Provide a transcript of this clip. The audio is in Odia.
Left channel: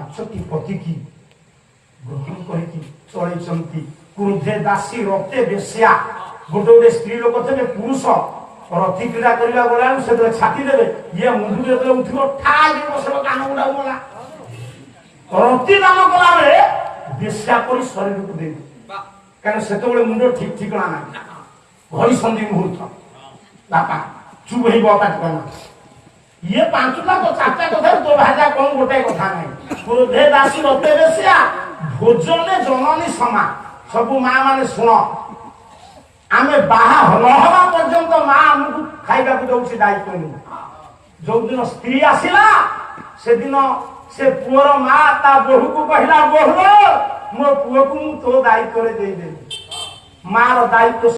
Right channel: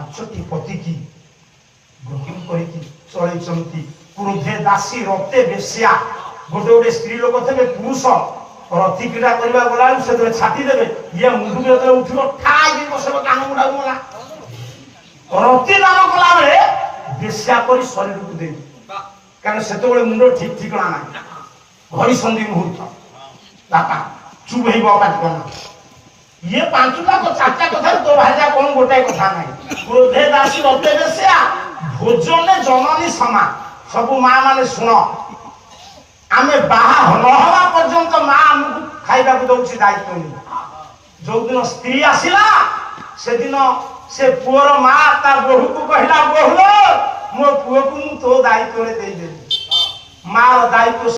ପାଞ୍ଚଟି ପତିକି ବୁକିଂ କରିକି ଚଳେଇଛନ୍ତି। କ୍ରୋଧେ ଦାସୀ ରକ୍ତେ ବେଶ୍ୟା। ଗୋଟେ ଗୋଟେ ସ୍ତ୍ରୀ ଲୋକ ଥିବେ ପୁରୁଷ ରତି କ୍ରୀଡ଼ା କରିବା ଗଲାବେଳକୁ ସେତେବେଳେ ଛାତି ଦେବେ, ଇଏ ମୁଣ୍ଡକୁ ଯେତେବେଳେ ଉଠିବ ଠାଇ ବସିବ କାନ ଗୁଡାକୁ ମଲା। ରତି ଦାନ କଲା ବେଳେ ବେଶ୍ୟା କରି ଶରୀରକୁ ଦେବି, କାରଣ ସେତେବେଳେ ମୁଣ୍ଡ ଠିକ ଠିକଣା ନାହିଁ। ଘଡ଼ି ସନ୍ଧି ମୁହୂର୍ତ୍ତ ବାପା ଚୁପ ହେଇବ ପାଟି କଲା। ଇଏ ପାଞ୍ଚଟା ଚାରିଟା କଥାରେ ତୋ ଭାଜା କଣ ଗୋଟାଏ କଥା ନାହିଁ। କ୍ରୋଧେ ଦାସୀ ରକ୍ତେ ବେଶ୍ୟା ଭୋଜନେ ଜନନୀ ସମା। ସବୁ ମା ମାନେ ଶୁଣ, ଆମେ ବାହା ନହେବା ପର୍ଯ୍ୟନ୍ତ ମା ଆମକୁ ଖାଇବାକୁ ଦଉଛି ଦାୟିତ୍ୱ ନେଇ। ଯୋଉଦିନ ସ୍ତ୍ରୀ ଆସିଲା ସେଦିନ ସେ ପୁଅର ମା ତା ବୋହୂକୁ କହିଲା, ବୋହୂ ମୋ ପୁଅକୁ ମୁଁ ତୋ ଦାୟିତ୍ୱରେ ଦେଇଦେବି। ମାର ଦାୟିତ୍ୱ